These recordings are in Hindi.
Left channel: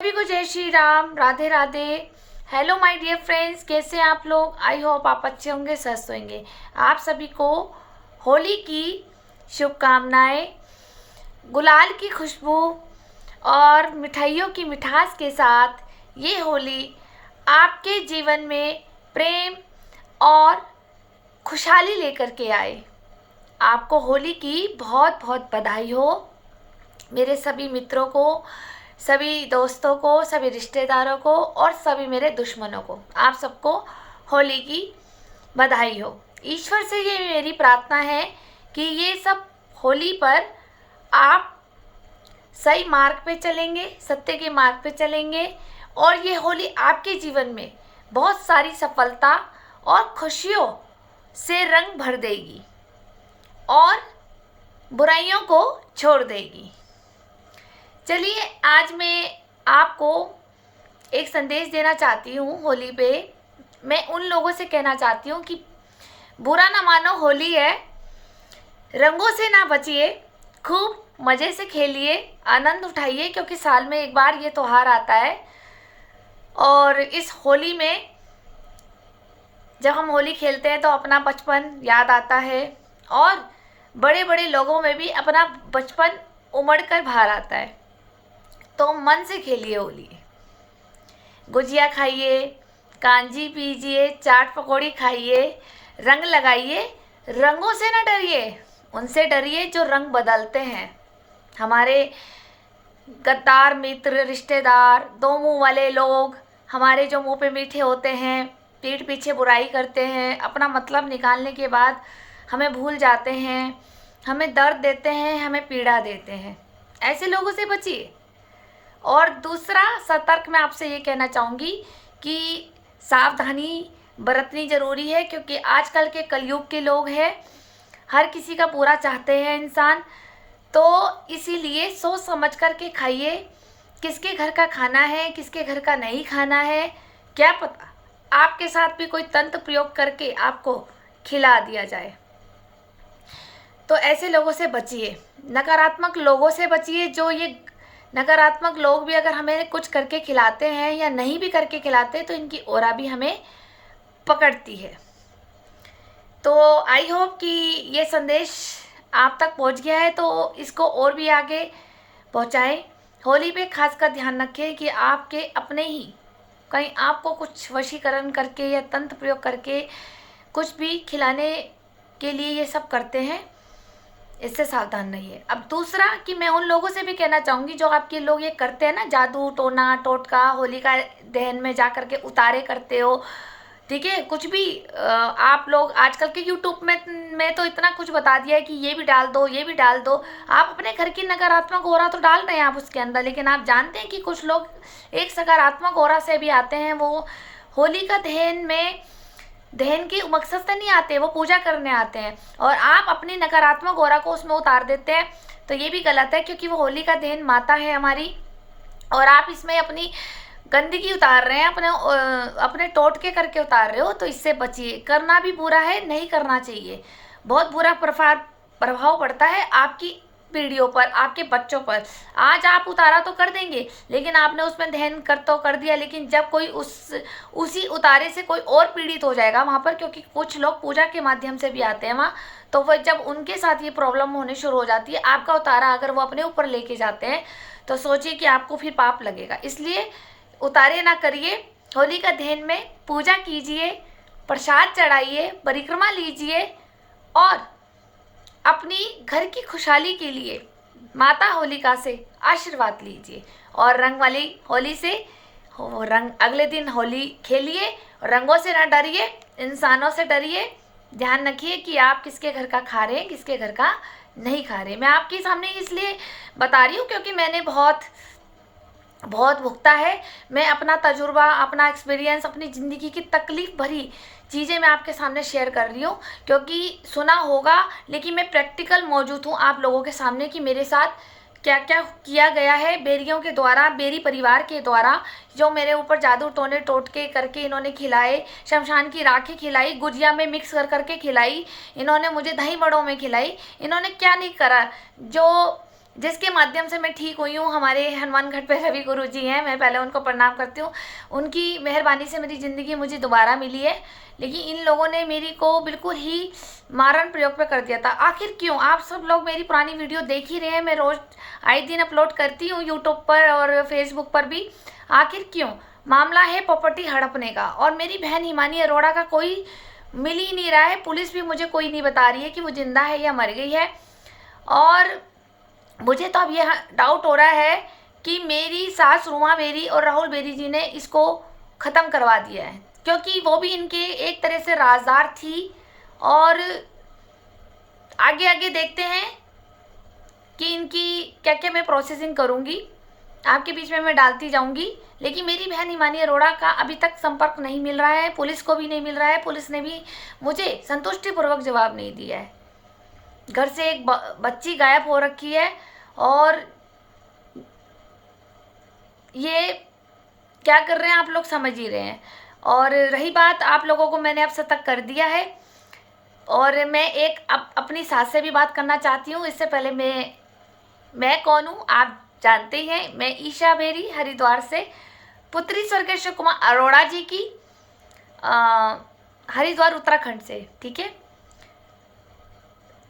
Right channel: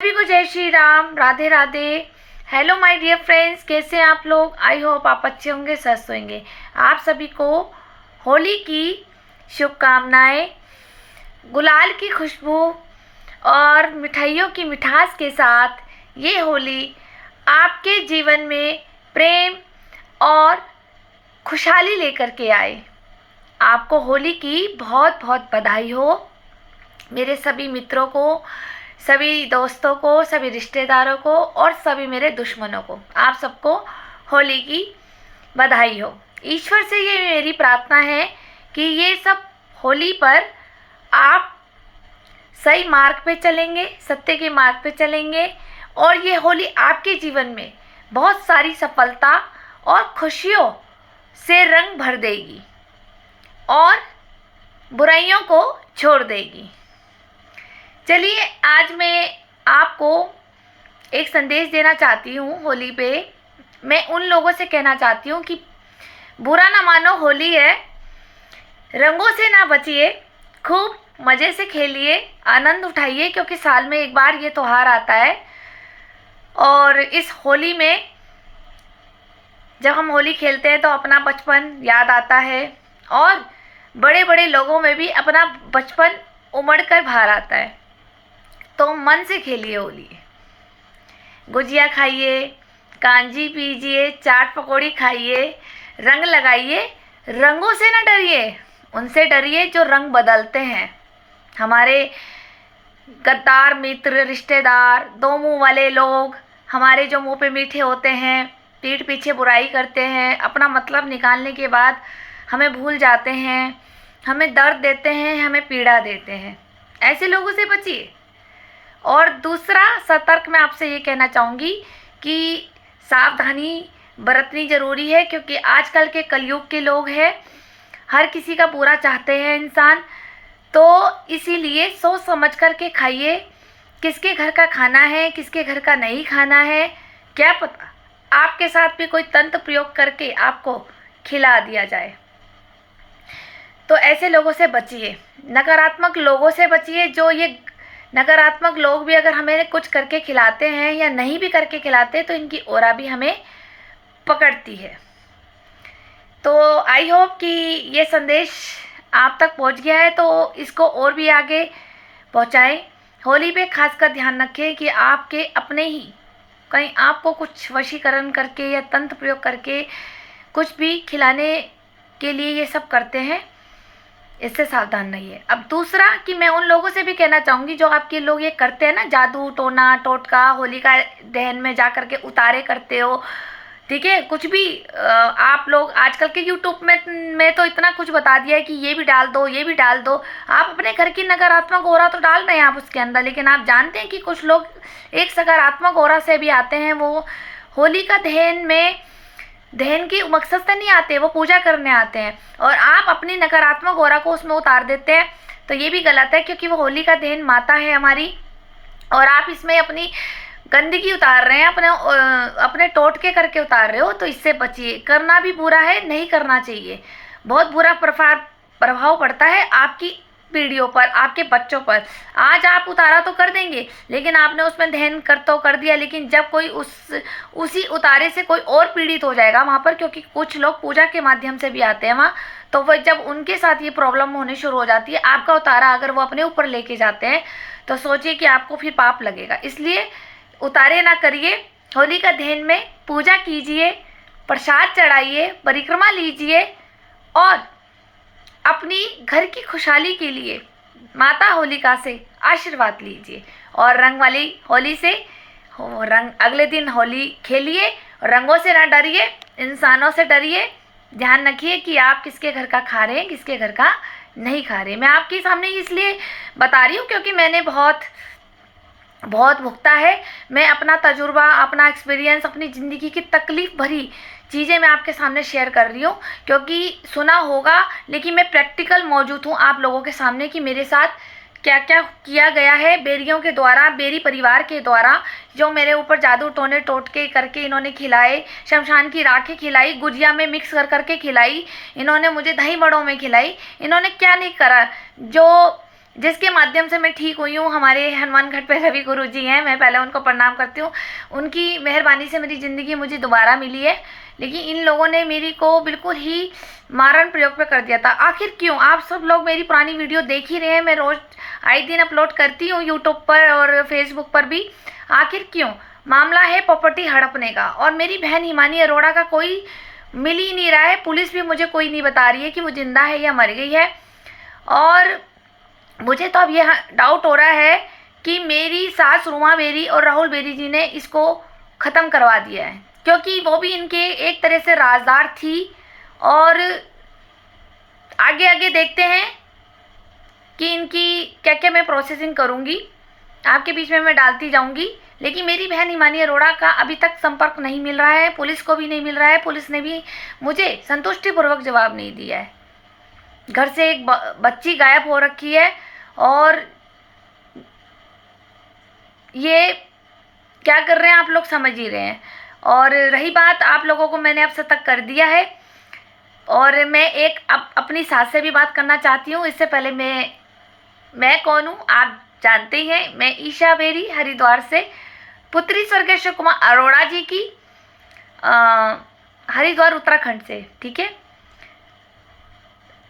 सभी को जय Shri Ram, Radhe Radhe. Hello my dear friends, कैसे हैं आप लोग? आई होप आप अच्छे होंगे, स्वस्थ होंगे। आप सभी को होली की शुभकामनाएं। गुलाल की खुशबू और मिठाइयों की मिठास के साथ ये होली आपके जीवन में प्रेम और खुशहाली लेकर के आए। आपको होली की बहुत बहुत बधाई हो। मेरे सभी मित्रों को, सभी दोस्तों को, सभी रिश्तेदारों को और सभी मेरे दुश्मनों को, आप सबको होली की बधाई हो। ईश्वर से ये मेरी प्रार्थना है कि ये सब होली पर आप सही मार्ग पे चलेंगे, सत्य के मार्ग पे चलेंगे और ये होली आपके जीवन में बहुत सारी सफलता और खुशियों से रंग भर देगी और बुराइयों को छोड़ देगी। चलिए, आज मैं आपको एक संदेश देना चाहती हूँ। होली पे मैं उन लोगों से कहना चाहती हूँ कि बुरा ना मानो, होली है, रंगों से ना बचिए, खूब मज़े से खेलिए, आनंद उठाइए, क्योंकि साल में एक बार ये त्यौहार आता है। और इस होली में जब हम होली खेलते हैं तो अपना बचपन याद आता है और बड़े बड़े लोगों में भी अपना बचपन उमड़ कर बाहर आता है। तो मन से खेलिए होली, गुजिया खाइए, कांजी पीजिए, चाट पकौड़ी खाइए, रंग लगाइए। रंगों से ना डरिए, उनसे डरिए जो रंग बदलते हैं। हमारे गद्दार मित्र, रिश्तेदार, दो मुंह वाले लोग, हमारे जो मुंह पे मीठे होते हैं, पीठ पीछे बुराई करते हैं, अपना मतलब निकालने के बाद हमें भूल जाते हैं, हमें दर्द देते हैं, हमें पीड़ा देते हैं। ऐसे लोगों से बचिए। और दूसरा सतर्क मैं आपसे ये कहना चाहूँगी कि सावधानी बरतनी ज़रूरी है, क्योंकि आजकल के कलयुग के लोग हैं, हर किसी का बुरा चाहते हैं इंसान। तो इसीलिए सोच समझ कर के खाइए, किसके घर का खाना है, किसके घर का नहीं खाना है, क्या पता आपके साथ भी कोई तंत्र प्रयोग करके आपको खिला दिया जाए। तो ऐसे लोगों से बचिए, नकारात्मक लोगों से बचिए। जो ये नकारात्मक लोग भी अगर हमें कुछ करके खिलाते हैं या नहीं भी करके खिलाते तो इनकी ओरा भी हमें पकड़ती है। तो आई होप कि ये संदेश आप तक पहुंच गया है, तो इसको और भी आगे पहुंचाएं। होली पे खासकर ध्यान रखें कि आपके अपने ही कहीं आपको कुछ वशीकरण करके या तंत्र प्रयोग करके कुछ भी खिलाने के लिए ये सब करते हैं, इससे सावधान रहिए। अब दूसरा कि मैं उन लोगों से भी कहना चाहूँगी जो आपके लोग ये करते हैं ना, जादू टोना टोटका, होलिका दहन में जा कर के उतारे करते हो, ठीक है, कुछ भी आप लोग आजकल के यूट्यूब में तो इतना कुछ बता दिया है कि ये भी डाल दो, ये भी डाल दो। आप अपने घर की नकारात्मक ओरा तो डाल रहे हैं आप उसके अंदर, लेकिन आप जानते हैं कि कुछ लोग एक सकारात्मक ओरा से भी आते हैं। वो होली का दहन की मकसद से नहीं आते, वो पूजा करने आते हैं और आप अपनी नकारात्मक ओरा को उसमें उतार देते हैं। तो ये भी गलत है, क्योंकि वो होली का दहन माता है हमारी और आप इसमें अपनी गंदगी उतार रहे हैं, अपने टोटके करके उतार रहे हो। तो इससे बचिए, करना भी बुरा है, नहीं करना चाहिए। बहुत बुरा प्रभाव पड़ता है आपकी पीढ़ियों पर, आपके बच्चों पर। आज आप उतारा तो कर देंगे, लेकिन आपने उसमें दहन कर दिया, लेकिन जब कोई उसी उतारे से कोई और पीड़ित हो जाएगा वहाँ पर, क्योंकि कुछ लोग पूजा के माध्यम से भी आते हैं वहाँ, तो वह जब उनके साथ ये प्रॉब्लम होने शुरू हो जाती है, आपका उतारा अगर वो अपने ऊपर लेके जाते हैं तो सोचिए कि आपको फिर पाप लगेगा। इसलिए उतारे ना करिए। होली का दहन में पूजा कीजिए, प्रसाद चढ़ाइए, परिक्रमा लीजिए और अपनी घर की खुशहाली के लिए माता होलिका से आशीर्वाद लीजिए। और रंग वाली होली से रंग अगले दिन होली खेलिए। रंगों से ना डरिए, इंसानों से डरिए। ध्यान रखिए कि आप किसके घर का खा रहे हैं, किसके घर का नहीं खा रहे। मैं आपके सामने इसलिए बता रही हूँ क्योंकि मैंने बहुत भुगता है। मैं अपना तजुर्बा, अपना एक्सपीरियंस, अपनी ज़िंदगी की तकलीफ़ भरी चीज़ें मैं आपके सामने शेयर कर रही हूँ, क्योंकि सुना होगा लेकिन मैं प्रैक्टिकल मौजूद हूँ आप लोगों के सामने कि मेरे साथ क्या क्या किया गया है बेरियों के द्वारा, बेरी परिवार के द्वारा, जो मेरे ऊपर जादू टोने टोटके करके इन्होंने खिलाए, शमशान की राखें खिलाई, गुजिया में मिक्स कर के खिलाई, इन्होंने मुझे दही बड़ों में खिलाई। इन्होंने क्या नहीं करा, जो जिसके माध्यम से मैं ठीक हुई हूँ। हमारे हनुमान घाट पे रवि गुरु जी हैं, मैं पहले उनको प्रणाम करती हूँ। उनकी मेहरबानी से मेरी ज़िंदगी मुझे दोबारा मिली है, लेकिन इन लोगों ने मेरी को बिल्कुल ही मारण प्रयोग पे कर दिया था। आखिर क्यों? आप सब लोग मेरी पुरानी वीडियो देख ही रहे हैं, मैं रोज़ आए दिन अपलोड करती हूँ यूट्यूब पर और फेसबुक पर भी। आखिर क्यों? मामला है प्रॉपर्टी हड़पने का, और मेरी बहन हिमानी अरोड़ा का कोई मिल ही नहीं रहा है। पुलिस भी मुझे कोई नहीं बता रही है कि वो जिंदा है या मर गई है। और मुझे तो अब यह डाउट हो रहा है कि मेरी सास रुमा बेरी और राहुल बेरी जी ने इसको ख़त्म करवा दिया है, क्योंकि वो भी इनके एक तरह से राजदार थी। और आगे आगे देखते हैं कि इनकी क्या क्या मैं प्रोसेसिंग करूँगी, आपके बीच में मैं डालती जाऊँगी। लेकिन मेरी बहन हिमानी अरोड़ा का अभी तक संपर्क नहीं मिल रहा है, पुलिस को भी नहीं मिल रहा है। पुलिस ने भी मुझे संतुष्टिपूर्वक जवाब नहीं दिया है। घर से एक बच्ची गायब हो रखी है, और ये क्या कर रहे हैं आप लोग समझ ही रहे हैं। और रही बात, आप लोगों को मैंने अब सतर्क कर दिया है, और मैं एक अपनी सास से भी बात करना चाहती हूँ। इससे पहले मैं कौन हूँ आप जानते ही हैं। मैं ईशा बेरी, हरिद्वार से, पुत्री स्वर्गीय शिव कुमार अरोड़ा जी की, हरिद्वार उत्तराखंड से। ठीक है,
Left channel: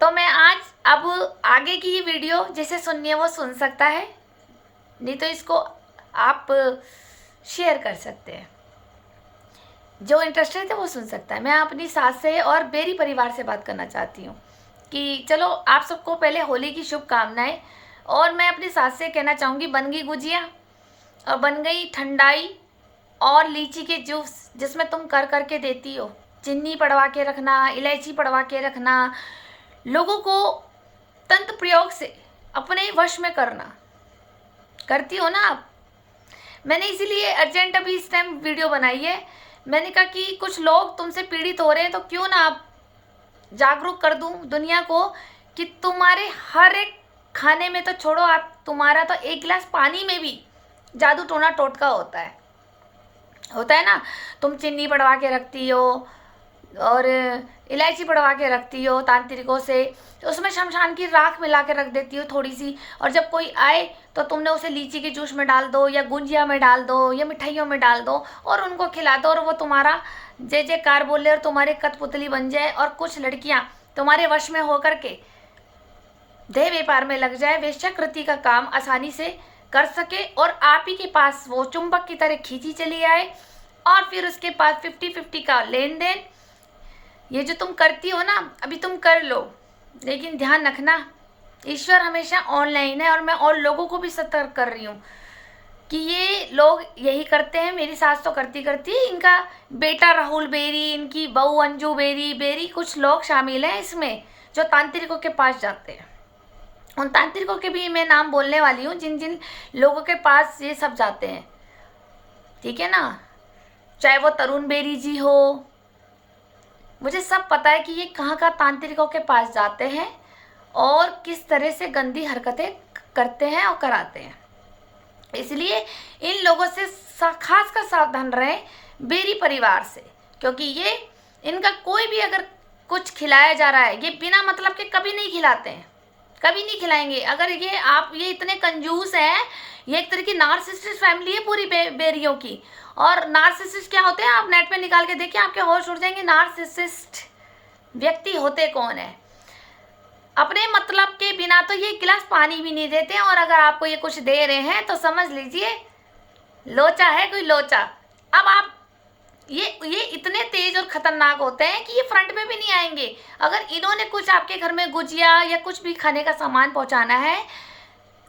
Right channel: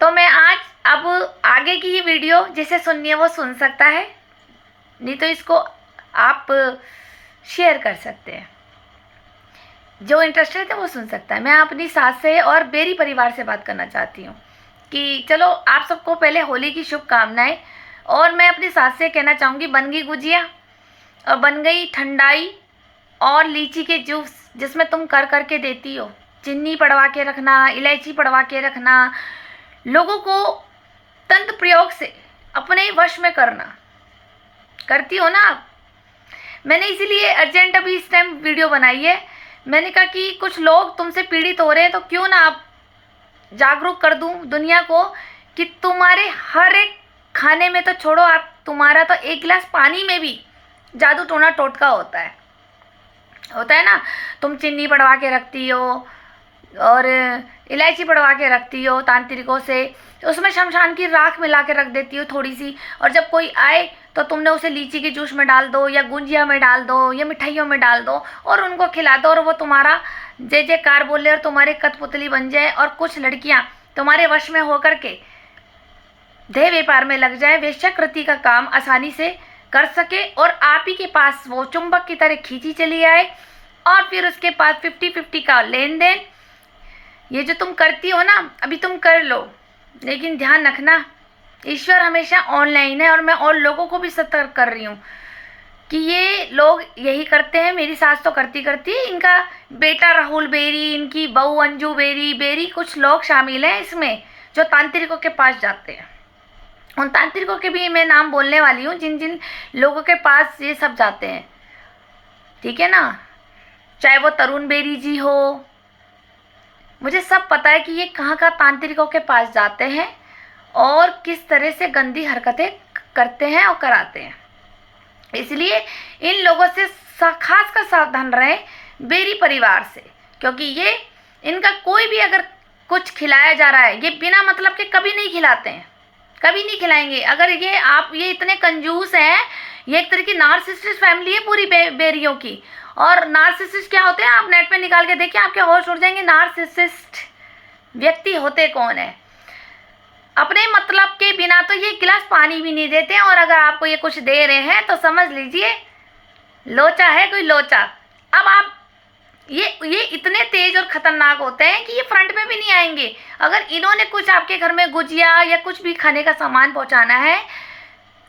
तो मैं आज अब आगे की ये वीडियो जिसे सुननी है वो सुन सकता है, नहीं तो इसको आप शेयर कर सकते हैं। जो इंटरेस्टेड है वो सुन सकता है। मैं अपनी सास से और बेरी परिवार से बात करना चाहती हूँ कि चलो, आप सबको पहले होली की शुभकामनाएं। और मैं अपनी सास से कहना चाहूँगी, बन गई गुजिया और बन गई ठंडाई और लीची के जूस, जिसमें तुम कर करके देती हो। चीनी पड़वा के रखना, इलायची पड़वा के रखना, लोगों को तंत्र प्रयोग से अपने वश में करना, करती हो ना आप। मैंने इसीलिए अर्जेंट अभी इस टाइम वीडियो बनाई है। मैंने कहा कि कुछ लोग तुमसे पीड़ित हो रहे हैं, तो क्यों ना आप जागरूक कर दूं दुनिया को कि तुम्हारे हर एक खाने में तो छोड़ो, आप तुम्हारा तो एक गिलास पानी में भी जादू टोना टोटका होता है ना। तुम चीनी पड़वा के रखती हो और इलायची पड़वा के रखती हो तांत्रिकों से, उसमें शमशान की राख मिला के रख देती हो थोड़ी सी, और जब कोई आए तो तुमने उसे लीची के जूस में डाल दो या गुंजिया में डाल दो या मिठाइयों में डाल दो और उनको खिला दो, और वो तुम्हारा जय जयकार बोले और तुम्हारे कठपुतली बन जाए। और कुछ लड़कियां तुम्हारे वश में होकर के देह व्यापार में लग जाए, वेश्याकृति का काम आसानी से कर सके, और आप ही के पास वो चुंबक की तरह खींची चली आए, और फिर उसके पास 50-50 का लेन देन। ये जो तुम करती हो ना, अभी तुम कर लो, लेकिन ध्यान रखना, ईश्वर हमेशा ऑनलाइन है। और मैं और लोगों को भी सतर्क कर रही हूँ कि ये लोग यही करते हैं। मेरी सास तो करती है, इनका बेटा राहुल बेरी, इनकी बहू अंजू बेरी, कुछ लोग शामिल हैं इसमें जो तांत्रिकों के पास जाते हैं। उन तांत्रिकों के भी मैं नाम बोलने वाली हूँ जिन जिन लोगों के पास ये सब जाते हैं, ठीक है ना। चाहे वो तरुण बेरी जी हो, मुझे सब पता है कि ये कहाँ तांत्रिकों के पास जाते हैं और किस तरह से गंदी हरकतें करते हैं और कराते हैं। इसलिए इन लोगों से खास कर सावधान रहें, बेरी परिवार से, क्योंकि ये इनका कोई भी अगर कुछ खिलाया जा रहा है, ये बिना मतलब के कभी नहीं खिलाते हैं, कभी नहीं खिलाएंगे। अगर ये इतने कंजूस हैं, ये एक तरह की नार्सिसिस्ट फैमिली है पूरी बेरियों की। और नार्सिसिस्ट क्या होते हैं, आप नेट पे निकाल के देखिए, आपके होश उड़ जाएंगे नार्सिसिस्ट व्यक्ति होते कौन है। अपने मतलब के बिना तो ये गिलास पानी भी नहीं देते हैं, और अगर आपको ये कुछ दे रहे हैं तो समझ लीजिए लोचा है कोई लोचा। अब आप ये इतने तेज और खतरनाक होते हैं कि ये फ्रंट पे भी नहीं आएंगे। अगर इन्होंने कुछ आपके घर में गुजिया या कुछ भी खाने का सामान पहुंचाना है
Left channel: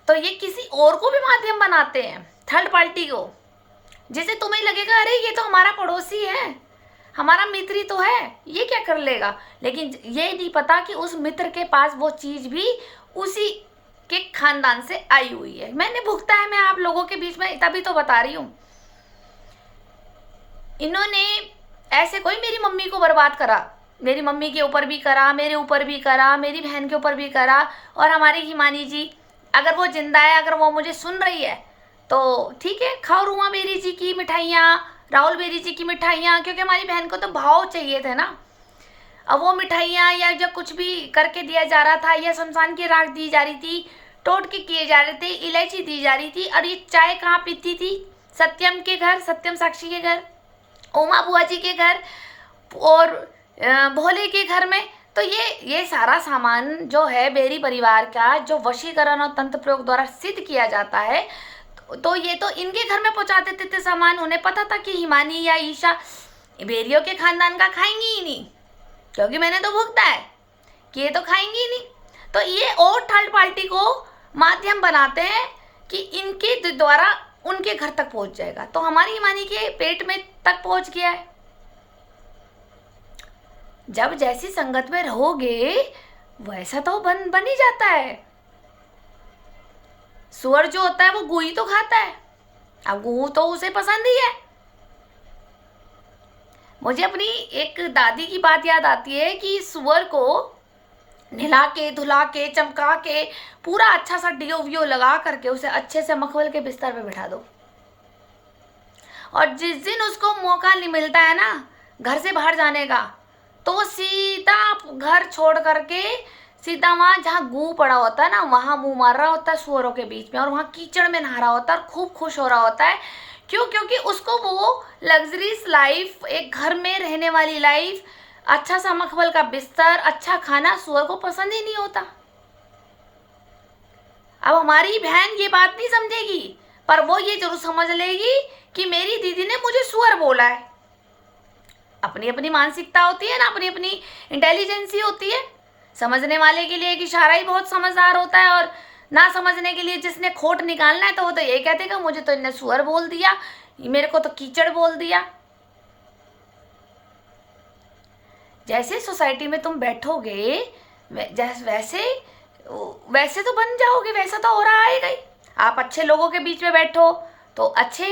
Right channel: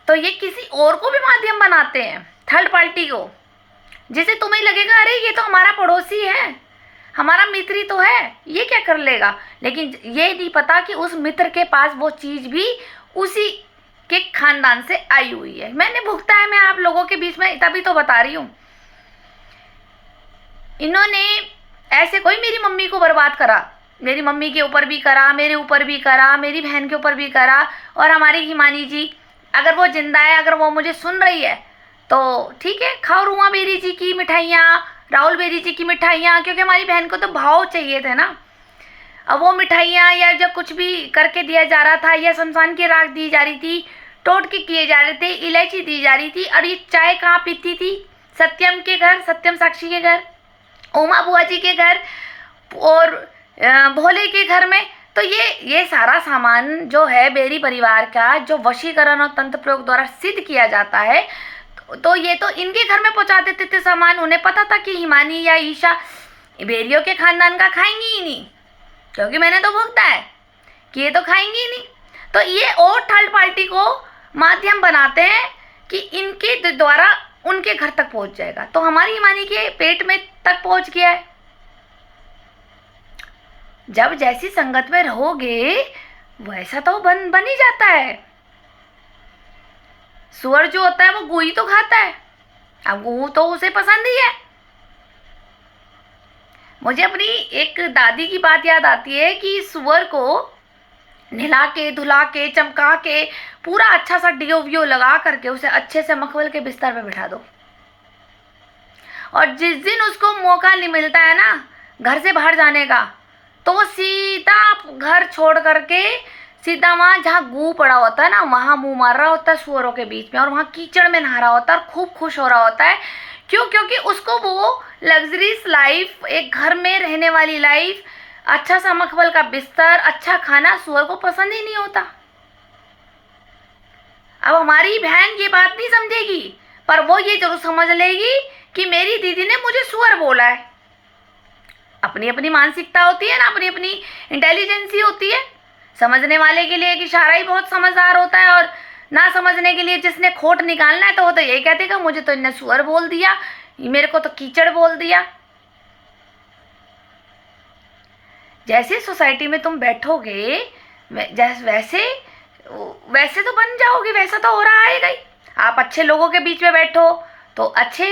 तो ये किसी और को भी माध्यम बनाते हैं, थर्ड पार्टी को, जिसे तुम्हें लगेगा अरे ये तो हमारा पड़ोसी है, हमारा मित्र ही तो है, ये क्या कर लेगा। लेकिन ये नहीं पता कि उस मित्र के पास वो चीज़ भी उसी के खानदान से आई हुई है। मैंने भुगता है, मैं आप लोगों के बीच में तभी तो बता रही हूँ। इन्होंने ऐसे कोई मेरी मम्मी को बर्बाद करा, मेरी मम्मी के ऊपर भी करा, मेरे ऊपर भी करा, मेरी बहन के ऊपर भी करा। और हमारी हिमानी जी अगर वो जिंदा है, अगर वो मुझे सुन रही है तो ठीक है, खाओ रुमा बेरी जी की मिठाइयाँ, राहुल बेरी जी की मिठाइयाँ, क्योंकि हमारी बहन को तो भाव चाहिए थे ना। अब वो मिठाइयाँ या जब कुछ भी करके दिया जा रहा था या शमशान की राख दी जा रही थी, टोटके किए जा रहे थे, इलायची दी जा रही थी। और ये चाय कहाँ पीती थी? सत्यम के घर, सत्यम साक्षी के घर, उमा बुआ जी के घर और भोले के घर में। तो ये सारा सामान जो है बेरी परिवार का, जो वशीकरण और तंत्र प्रयोग द्वारा सिद्ध किया जाता है, तो ये तो इनके घर में पहुंचा देते थे सामान। उन्हें पता था कि हिमानी या ईशा बेरियों के खानदान का खाएंगी ही नहीं, क्योंकि मैंने तो भुगता है कि ये तो खाएंगी ही नहीं। तो ये और थर्ड पार्टी को माध्यम बनाते हैं कि इनके द्वारा उनके घर तक पहुंच जाएगा। तो हमारी हिमानी के पेट में तक पहुंच गया है। जब जैसी संगत में रहोगे वैसा तो बन ही जाता है। सुअर जो होता है वो गुई तो खाता है, अब गू तो उसे पसंद ही है। मुझे अपनी एक दादी की बात याद आती है कि सुअर को नहला के, धुला के, चमका के, पूरा अच्छा सा डियो वियो लगा करके उसे अच्छे से मखमल के बिस्तर पे बिठा दो, और जिस दिन उसको मौका नहीं मिलता है ना घर से बाहर जाने का, तो वो सीधा घर छोड़ करके सीधा वहाँ जहाँ गू पड़ा होता है ना, वहाँ मुंह मार रहा होता है सुअरों के बीच में, और वहाँ कीचड़ में नहा रहा होता है और खूब खुश हो रहा होता है। क्यों? क्योंकि उसको वो लग्जरीज लाइफ, एक घर में रहने वाली लाइफ, अच्छा सा मखमल का बिस्तर, अच्छा खाना सुअर को पसंद ही नहीं होता। अब हमारी बहन ये बात नहीं समझेगी, पर वो ये जरूर समझ लेगी कि मेरी दीदी ने मुझे सुअर बोला है। अपनी अपनी मानसिकता होती है ना, अपनी अपनी इंटेलिजेंसी होती है। समझने वाले के लिए एक इशारा ही बहुत समझदार होता है, और ना समझने के लिए जिसने खोट निकालना है तो वो तो ये कहते हैं मुझे तो इन्हें सुअर बोल दिया, मेरे को तो कीचड़ बोल दिया। जैसे सोसाइटी में तुम बैठोगे वैसे तो बन जाओगे, वैसा तो हो रहा है ही। आप अच्छे लोगों के बीच में बैठो तो अच्छे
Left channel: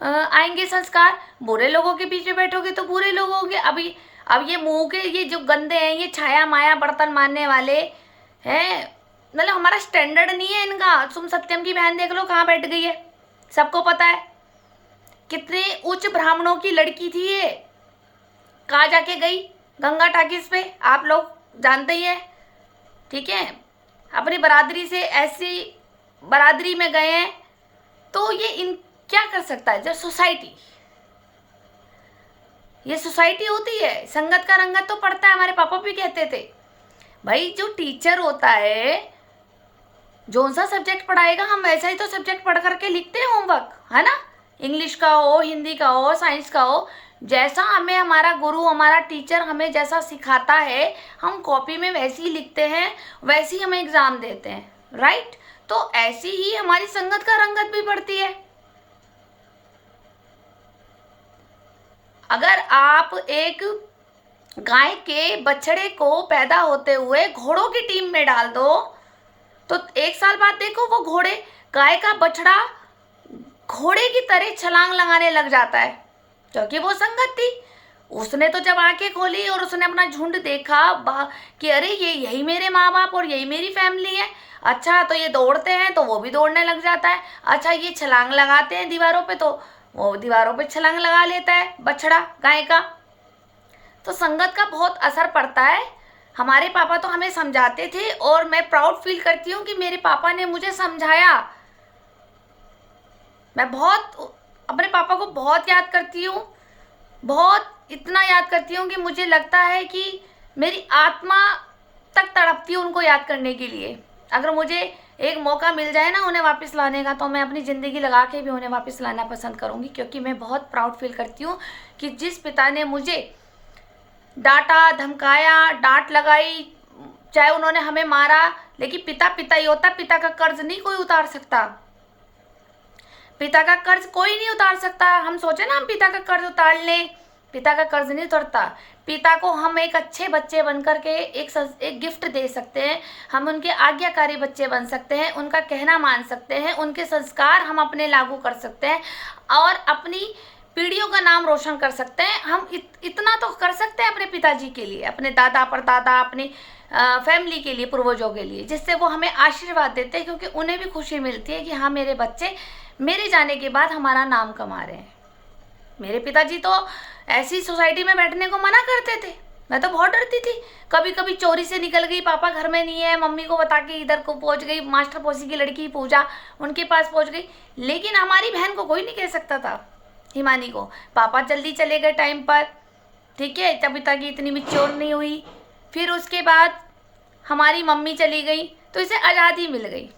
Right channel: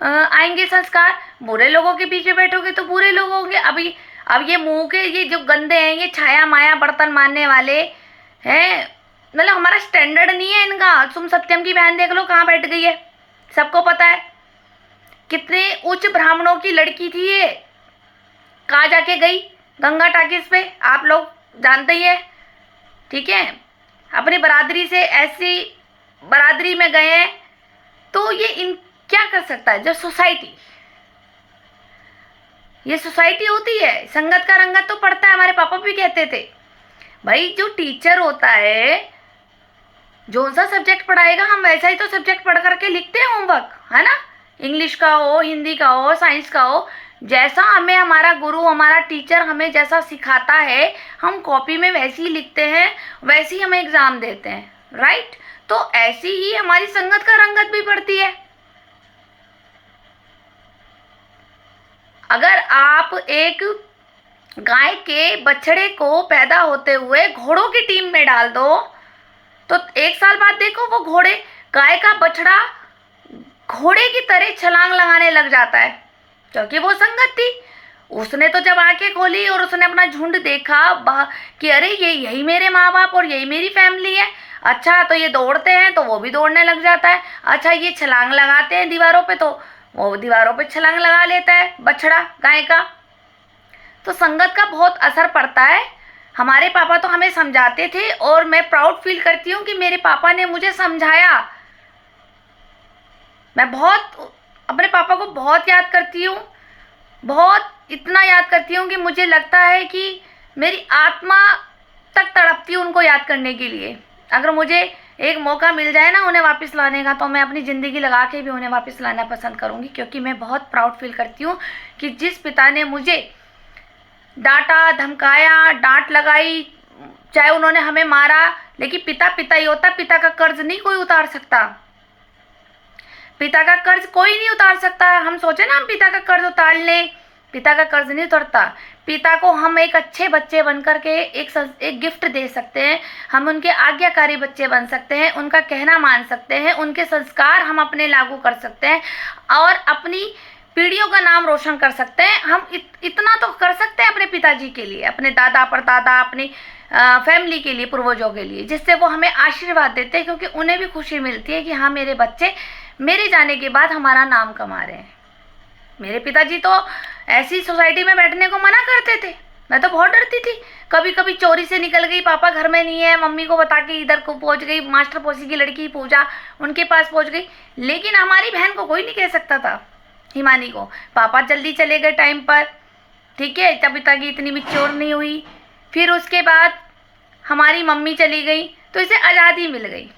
आएंगे संस्कार, बुरे लोगों के बीच में बैठोगे तो बुरे लोग होंगे। अब ये मुंह के ये जो गंदे हैं, ये छाया माया बर्तन मारने वाले हैं, मतलब हमारा स्टैंडर्ड नहीं है इनका। तुम सत्यम की बहन देख लो कहाँ बैठ गई है, सबको पता है कितने उच्च ब्राह्मणों की लड़की थी ये, कहाँ जाके गई? गंगा टाकिस पे, आप लोग जानते ही है, ठीक है। अपनी बरादरी से ऐसी बरादरी में गए हैं, तो ये क्या कर सकता है? जो सोसाइटी होती है, संगत का रंगत तो पड़ता है। हमारे पापा भी कहते थे भाई जो टीचर होता है जो सा सब्जेक्ट पढ़ाएगा हम वैसा ही तो सब्जेक्ट पढ़ करके लिखते हैं होमवर्क, है ना। इंग्लिश का हो, हिंदी का हो, साइंस का हो, जैसा हमें हमारा गुरु, हमारा टीचर हमें जैसा सिखाता है हम कॉपी में वैसे ही लिखते हैं, वैसे ही हमें एग्ज़ाम देते हैं, राइट। तो ऐसी ही हमारी संगत का रंगत भी पड़ती है। अगर आप एक गाय के बछड़े को पैदा होते हुए घोड़ों की टीम में डाल दो, तो 1 साल बाद देखो वो गाय का बछड़ा घोड़े की तरह छलांग लगाने लग जाता है, क्योंकि वो संगत थी। उसने तो जब आंखें खोली और उसने अपना झुंड देखा कि अरे ये यही मेरे माँ बाप और यही मेरी फैमिली है, अच्छा तो ये दौड़ते हैं तो वो भी दौड़ने लग जाता है, अच्छा ये छलांग लगाते हैं दीवारों पे तो वो दीवारों पे छलांग लगा लेता है बछड़ा गाय का। तो संगत का बहुत असर पड़ता है। हमारे पापा तो हमें समझाते थे और मैं प्राउड फील करती हूँ कि मेरे पापा ने मुझे समझाया। मैं बहुत अपने पापा को बहुत याद करती हूँ, बहुत इतना याद करती हूँ कि मुझे लगता है कि मेरी आत्मा तक तड़पती है उनको याद करने के लिए। अगर मुझे एक मौका मिल जाए ना उन्हें वापस लाने का, तो मैं अपनी ज़िंदगी लगा के भी उन्हें वापस लाना पसंद करूँगी, क्योंकि मैं बहुत प्राउड फील करती हूँ कि जिस पिता ने मुझे डांटा, धमकाया, डांट लगाई, चाहे उन्होंने हमें मारा, लेकिन पिता पिता ही होता। पिता का कर्ज नहीं कोई उतार सकता, पिता का कर्ज कोई नहीं उतार सकता। हम सोचे ना हम पिता का कर्ज उतार लें, पिता का कर्ज नहीं उतरता। पिता को हम एक अच्छे बच्चे बन कर के एक गिफ्ट दे सकते हैं, हम उनके आज्ञाकारी बच्चे बन सकते हैं, उनका कहना मान सकते हैं, उनके संस्कार हम अपने लागू कर सकते हैं और अपनी पीढ़ियों का नाम रोशन कर सकते हैं। हम इतना तो कर सकते हैं अपने पिताजी के लिए, अपने दादा परदादा, अपनी फैमिली के लिए, पूर्वजों के लिए, जिससे वो हमें आशीर्वाद देते हैं, क्योंकि उन्हें भी खुशी मिलती है कि हाँ मेरे बच्चे मेरे जाने के बाद हमारा नाम कमा रहे हैं। मेरे पिताजी तो ऐसी सोसाइटी में बैठने को मना करते थे, मैं तो बहुत डरती थी। कभी कभी चोरी से निकल गई, पापा घर में नहीं है, मम्मी को बता के इधर को पहुंच गई, मास्टर पड़ोसी की लड़की पूजा उनके पास पहुंच गई। लेकिन हमारी बहन को कोई नहीं कह सकता था, हिमानी को। पापा जल्दी चले गए टाइम पर, ठीक है, तभी तक इतनी मैच्योर नहीं हुई। फिर उसके बाद हमारी मम्मी चली गई, तो इसे आज़ादी मिल गई।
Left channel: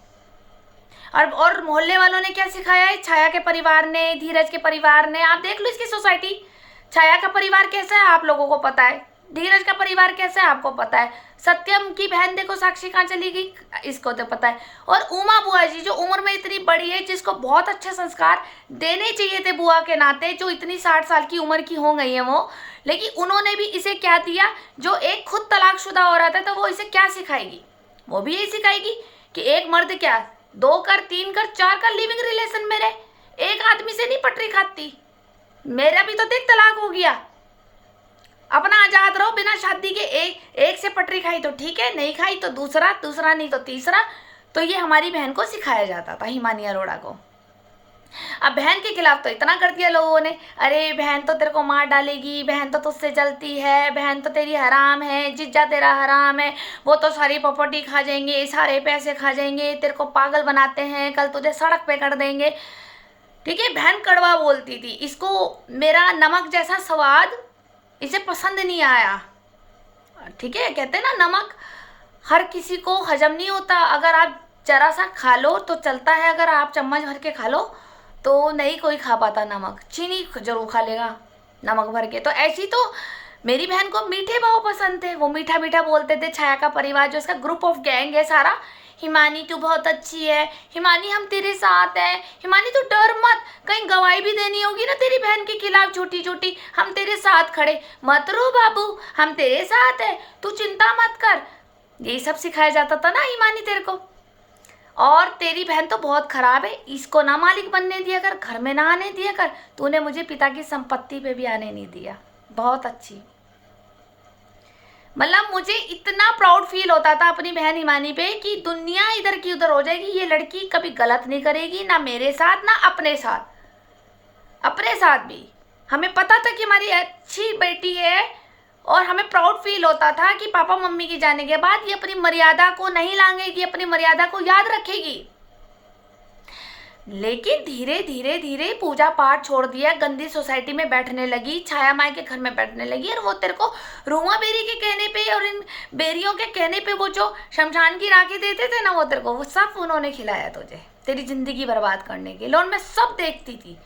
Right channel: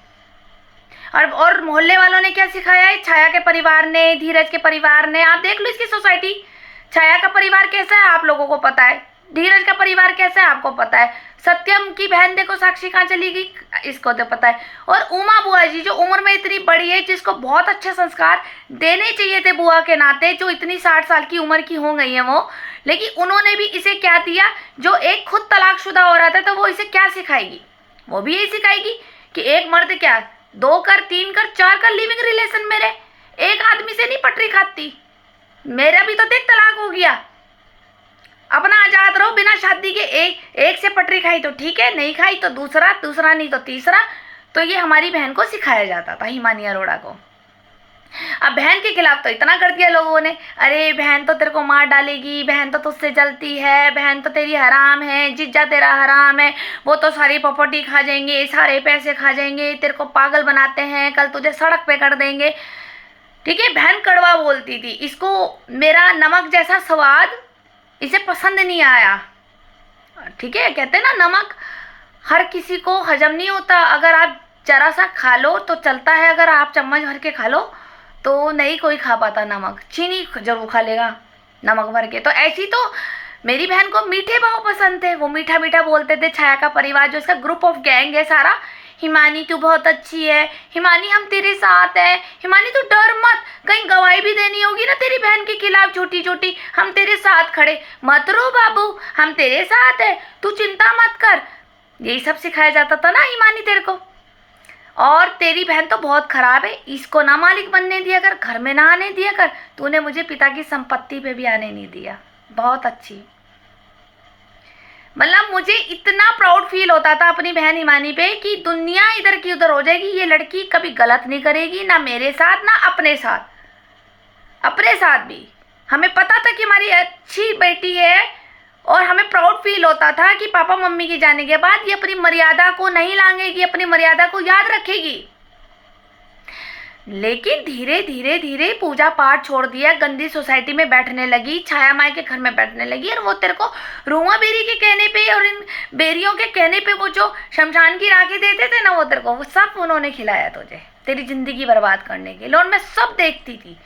और मोहल्ले वालों ने क्या सिखाया है, छाया के परिवार ने, धीरज के परिवार ने, आप देख लो इसकी सोसाइटी। छाया का परिवार कैसा है आप लोगों को पता है, धीरज का परिवार कैसा है आपको पता है, सत्यम की बहन देखो साक्षी कहाँ चली गई, इसको तो पता है। और उमा बुआ जी जो उम्र में इतनी बड़ी है, जिसको बहुत अच्छे संस्कार देने चाहिए थे बुआ के नाते, जो इतनी 60 साल की उम्र की हो गई है वो, लेकिन उन्होंने भी इसे क्या दिया, जो एक खुद तलाकशुदा हो रहा था, तो वो इसे क्या सिखाएगी, वो भी यही सिखाएगी कि एक मर्द क्या 2 कर, 3 कर, 4 कर लिविंग रिलेशन में रहे, एक आदमी से नहीं पटरी खाती। मेरा भी तो देख तलाक हो गया, अपना आजाद रहो बिना शादी के। एक से पटरी खाई तो ठीक है, नहीं खाई तो दूसरा, दूसरा नहीं तो तीसरा। तो ये हमारी बहन को सिखाया जाता था, हिमानी अरोड़ा को। अब बहन के खिलाफ तो इतना कर दिया लोगों ने, अरे बहन तो तेरे को मार डालेगी, बहन तो तुझसे जलती है, बहन तो तेरी हराम है, जीजा तेरा हराम है, वो तो सारी प्रॉपर्टी खा जाएंगे, सारे पैसे खा जाएंगे, तेरे को पागल बनाते हैं, कल तुझे सड़क पे कर देंगे। ठीक है, बहन कड़वा बोलती थी, इसको मेरा नमक जैसा स्वाद इसे पसंद नहीं आया। ठीक है, कहते हैं ना नमक हर किसी को हजम नहीं होता, अगर आप जरा सा खा लो तो चलता है, अगर आप चम्मच भर के खा लो तो नहीं कोई खा पाता नमक, चीनी जरूर खा लेगा नमक भर के। तो ऐसी तो मेरी बहन को मीठे भाव पसंद थे, वो मीठा मीठा बोलते थे। छाया का परिवार जो इसका ग्रुप ऑफ गैंग है सारा, हिमानी तू बहुत अच्छी है, हिमानी हम तेरे साथ है, हिमानी तू डर मत, कहीं गवाही भी देनी होगी ना तेरी बहन के खिलाफ छोटी छोटी, हम तेरे साथ खड़े, मत रो बाबू, हम तेरे साथ है, तू चिंता मत कर। यही सब सिखाया जाता था ना हिमानी तेरे को। और तेरी बहन तो बहुत खराब है, इसको ना मालिक बनने दिया कर, घर में ना आने दिया कर, तूने मुझे पिता की संपत्ति पे भी आने नहीं दिया। बहुत अच्छी, मतलब मुझे इतना प्राउड फील होता था अपनी बहन हिमानी पे कि दुनिया इधर की उधर हो जाएगी, ये लड़की कभी गलत नहीं करेगी, ना मेरे साथ ना अपने साथ, अपने साथ भी। हमें पता था कि हमारी अच्छी बेटी है, और हमें प्राउड फील होता था कि पापा मम्मी के जाने के बाद ये अपनी मर्यादा को नहीं लांघेगी, अपनी मर्यादा को याद रखेगी। लेकिन धीरे धीरे धीरे पूजा पाठ छोड़ दिया, गंदी सोसाइटी में बैठने लगी, छाया माई के घर में बैठने लगी। और वो तेरे को रूमा बेरी के कहने पे और इन बेरियों के कहने पे वो जो शमशान की राखी देते थे ना, वो तेरे को वो सब उन्होंने खिलाया तुझे, तेरी जिंदगी बर्बाद करने के लिए। और मैं सब देखती थी,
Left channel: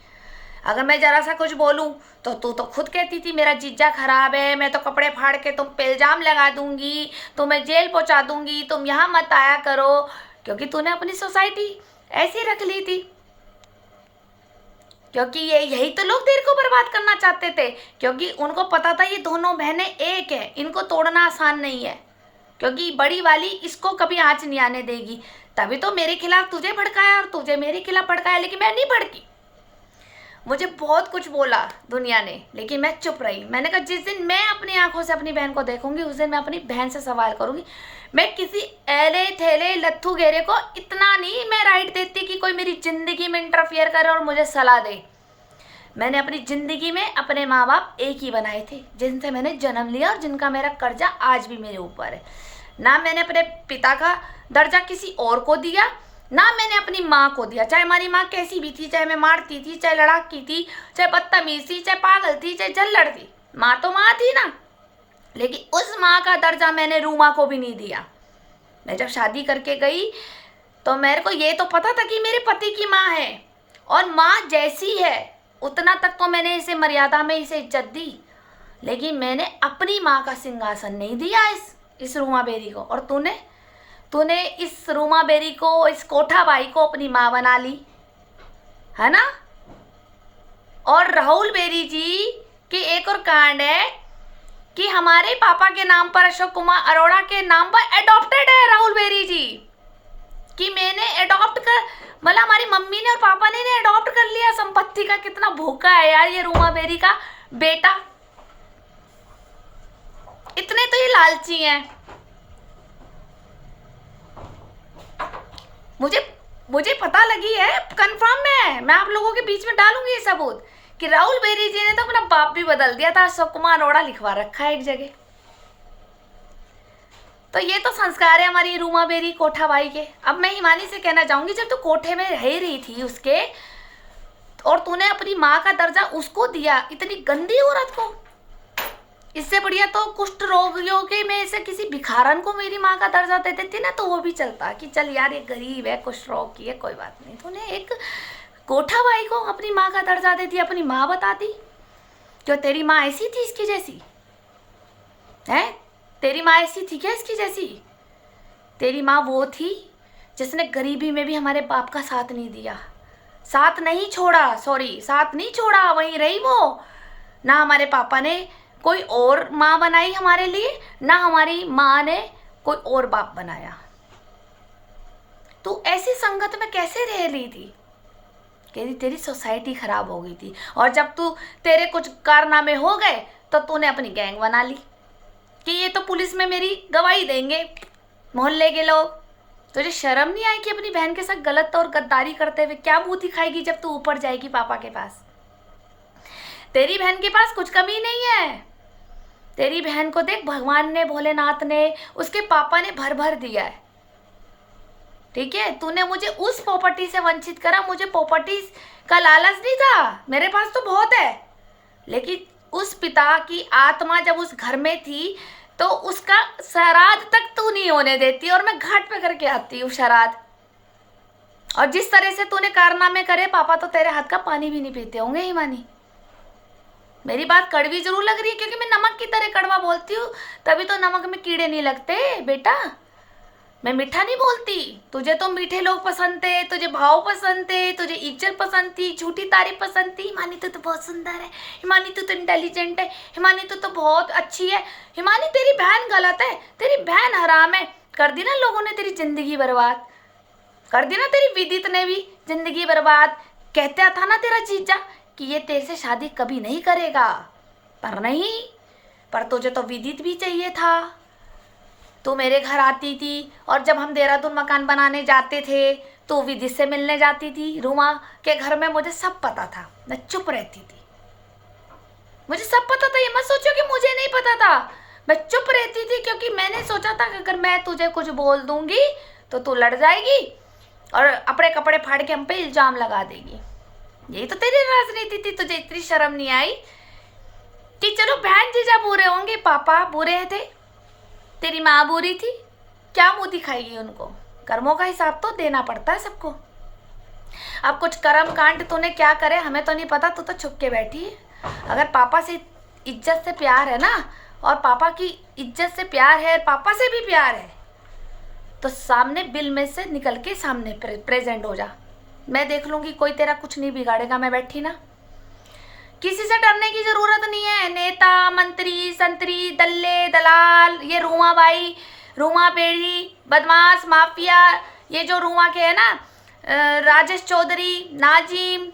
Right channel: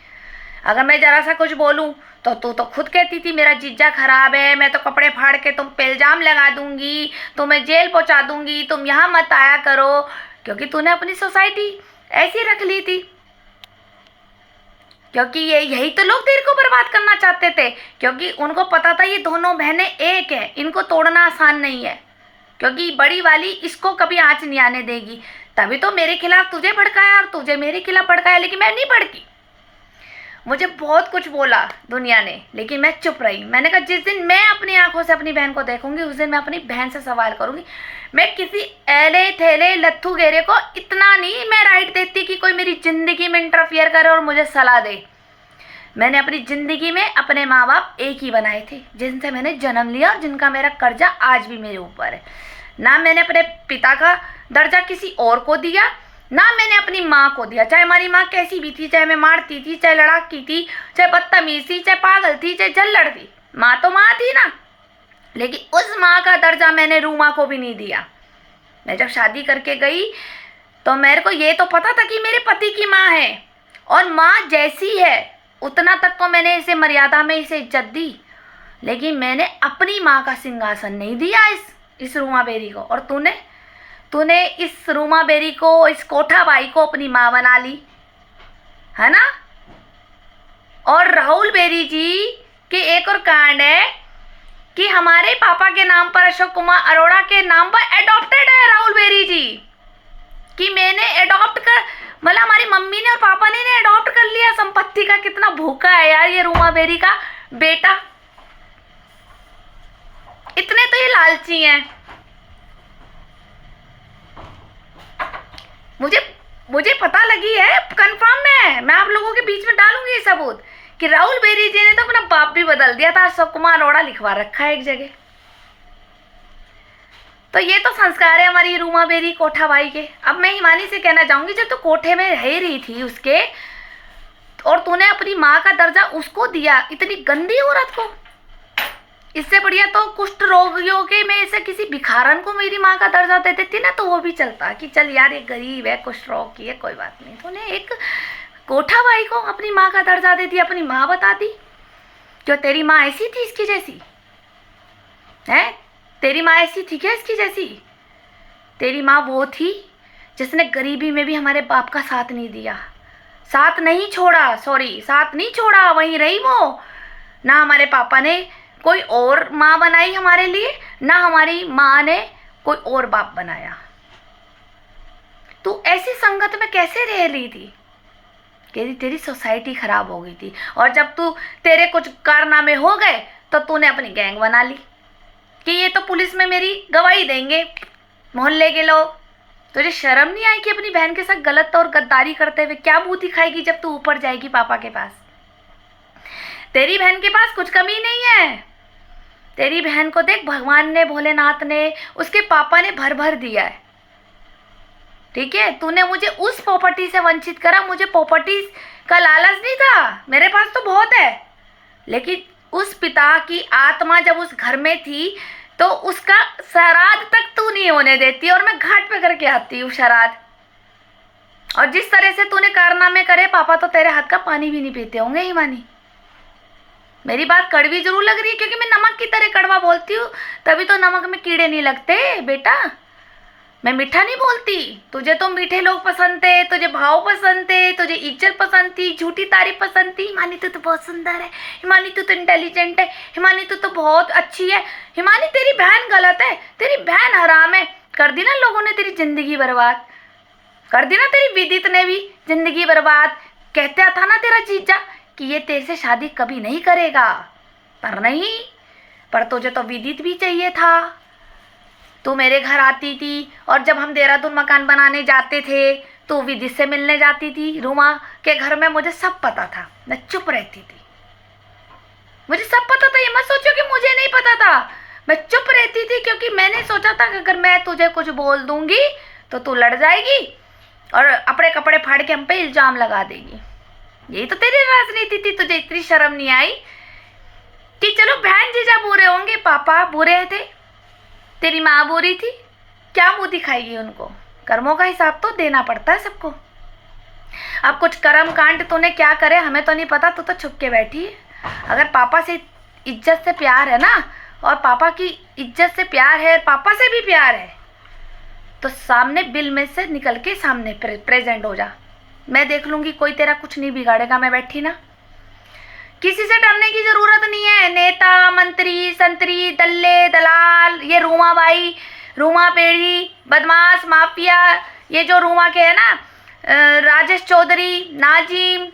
अगर मैं जरा सा कुछ बोलूं तो तू तो खुद कहती थी मेरा जीजा खराब है, मैं तो कपड़े फाड़ के तुम पे इल्जाम लगा दूंगी, तुम्हें जेल पहुंचा दूंगी, तुम यहाँ मत आया करो, क्योंकि तूने अपनी सोसाइटी ऐसी रख ली थी। क्योंकि यही तो लोग तेरे को बर्बाद करना चाहते थे, क्योंकि उनको पता था ये दोनों बहनें एक हैं, इनको तोड़ना आसान नहीं है, क्योंकि बड़ी वाली इसको कभी आँच नहीं आने देगी। तभी तो मेरे खिलाफ तुझे भड़काया और तुझे मेरे खिलाफ भड़काया, लेकिन मैं नहीं भड़की। मुझे बहुत कुछ बोला दुनिया ने, लेकिन मैं चुप रही। मैंने कहा जिस दिन मैं अपनी आंखों से अपनी बहन को देखूंगी, उस दिन मैं अपनी बहन से सवाल करूंगी। मैं किसी एले थेले लत्थू गेरे को इतना नहीं मैं राइट देती कि कोई मेरी ज़िंदगी में इंटरफियर करे और मुझे सलाह दे। मैंने अपनी ज़िंदगी में अपने माँ बाप एक ही बनाए थे, जिनसे मैंने जन्म लिया और जिनका मेरा कर्जा आज भी मेरे ऊपर है। ना मैंने अपने पिता का दर्जा किसी और को दिया, ना मैंने अपनी माँ को दिया, चाहे हमारी माँ कैसी भी थी, चाहे मैं मारती थी, चाहे लड़ाकी थी, चाहे बदतमीज थी, चाहे पागल थी, चाहे जल्लड़ थी, माँ तो माँ थी ना। लेकिन उस माँ का दर्जा मैंने रूमा को भी नहीं दिया। मैं जब शादी करके गई तो मेरे को ये तो पता था कि मेरे पति की माँ है, और माँ जैसी है उतना तक तो मैंने इसे मर्यादा में इसे इज्जत दी, लेकिन मैंने अपनी माँ का सिंहासन नहीं दिया इस रूमा बेरी को। और तूने इस रूमा बेरी को, इस कोठा बाई को अपनी माँ बना ली, है ना। और राहुल बेरी जी के एक और कांड है कि हमारे पापा के नाम पर, अशोक कुमार अरोड़ा के नाम पर एडॉप्टेड है राहुल बेरी जी, कि मैंने एडॉप्ट कर, मतलब हमारी मम्मी ने और पापा ने एडॉप्ट कर लिया। संपत्ति का कितना भूखा है यार ये रूमा बेरी का बेटा, इतने तो ये लालची हैं। मुझे पता लगी है, कंफर्म है, मैं आप लोगों के बीच में डालूंगी ये सबूत कि राहुल बेरी जी ने तो अपना बाप भी बदल दिया था। अशोक कुमार अरोड़ा लिखवा रखा है एक जगह। तो ये तो संस्कार है हमारी रूमा बेरी कोठा भाई के। अब मैं हिमानी से कहना चाहूँगी, जब तू कोठे में रह रही थी उसके, और तूने अपनी माँ का दर्जा उसको दिया, इतनी गंदी औरत को, इससे बढ़िया तो कुष्ठ रोगियों के में से किसी भिखारन को मेरी माँ का दर्जा दे देती ना, तो वो भी चलता कि चल यार ये गरीब है, कुष्ठ रोग की है, कोई बात नहीं। तूने एक कोठा भाई को अपनी माँ का दर्जा दे दिया, अपनी माँ बता दी। क्यों तेरी माँ ऐसी थी इसकी जैसी है? तेरी माँ ऐसी थी क्या इसकी जैसी? तेरी माँ वो थी जिसने गरीबी में भी हमारे बाप का साथ नहीं दिया, साथ नहीं छोड़ा, सॉरी साथ नहीं छोड़ा, वहीं रही वो। ना हमारे पापा ने कोई और माँ बनाई हमारे लिए, ना हमारी माँ ने कोई और बाप बनाया। तू ऐसी संगत में कैसे रह रही थी? तेरी सोसाइटी खराब हो गई थी, और जब तेरे कुछ कारनामे हो गए तो तूने अपनी गैंग बना ली कि ये तो पुलिस में मेरी गवाही देंगे मोहल्ले के लोग। तुझे शर्म नहीं आई कि अपनी बहन के साथ गलत और गद्दारी करते हुए क्या मुंह दिखाएगी जब तू ऊपर जाएगी पापा के पास? तेरी बहन के पास कुछ कमी नहीं है। तेरी बहन को देख, भगवान ने, भोलेनाथ ने, उसके पापा ने भर भर दिया है, ठीक है? तूने मुझे उस प्रॉपर्टी से वंचित करा, मुझे प्रॉपर्टी का लालच नहीं था, मेरे पास तो बहुत है, लेकिन उस पिता की आत्मा जब उस घर में थी तो उसका श्राद्ध तक तू नहीं होने देती, और मैं घाट पे करके आती हूँ श्राद्ध। और जिस तरह से तूने कारनामे करे, पापा तो तेरे हाथ का पानी भी नहीं पीते होंगे हिमानी। मेरी बात कड़वी जरूर लग रही है क्योंकि मैं नमक की तरह कड़वा बोलती हूँ, तभी तो नमक में कीड़े नहीं लगते बेटा। मैं मीठा नहीं बोलती। तुझे तो मीठे लोग पसंद थे, तुझे भाव पसंद थे, तुझे इज्जत पसंद थी, झूठी तारीफ पसंद थी। हिमानी तू तो बहुत सुंदर है, हिमानी तू तो इंटेलिजेंट है, हिमानी तू तो बहुत अच्छी है, हिमानी तेरी बहन गलत है, तेरी बहन हराम है। कर दी ना लोगों ने तेरी जिंदगी बर्बाद, कर दी ना तेरी विदित ने भी जिंदगी बर्बाद। कहता था ना तेरा जीजा कि ये तेरे से शादी कभी नहीं करेगा, पर नहीं, पर तुझे तो विदित भी चाहिए था। तू मेरे घर आती थी, और जब हम देहरादून मकान बनाने जाते थे तो विदित से मिलने जाती थी। रूमा के घर में मुझे सब पता था, मैं चुप रहती थी, मुझे सब पता था। ये मत सोचो कि मुझे नहीं पता था, मैं चुप रहती थी क्योंकि मैंने सोचा था कि अगर मैं तुझे कुछ बोल दूंगी तो तू लड़ जाएगी और अपने कपड़े फाड़ के हम पे इल्जाम लगा देगी। यही तो तेरी राजनीति थी। तुझे इतनी शर्म नहीं आई कि चलो बहन जीजा बुरे होंगे, पापा बुरे थे, तेरी माँ बुरी थी, क्या मुंह दिखाएगी उनको? कर्मों का हिसाब तो देना पड़ता है सबको। अब कुछ कर्म कांड तूने क्या करे हमें तो नहीं पता, तू तो छुप के बैठी है। अगर पापा से इज्जत से प्यार है ना, और पापा की इज्जत से प्यार है, पापा से भी प्यार है, तो सामने बिल में से निकल के सामने प्रेजेंट हो जा। मैं देख लूँगी, कोई तेरा कुछ नहीं बिगाड़ेगा। मैं बैठी ना, किसी से डरने की जरूरत नहीं है। नेता, मंत्री, संतरी, दल्ले, दलाल, ये रूमा बाई, रूमा बेड़ी, बदमाश, माफिया, ये जो रूमा के है ना, राजेश चौधरी, नाजिम,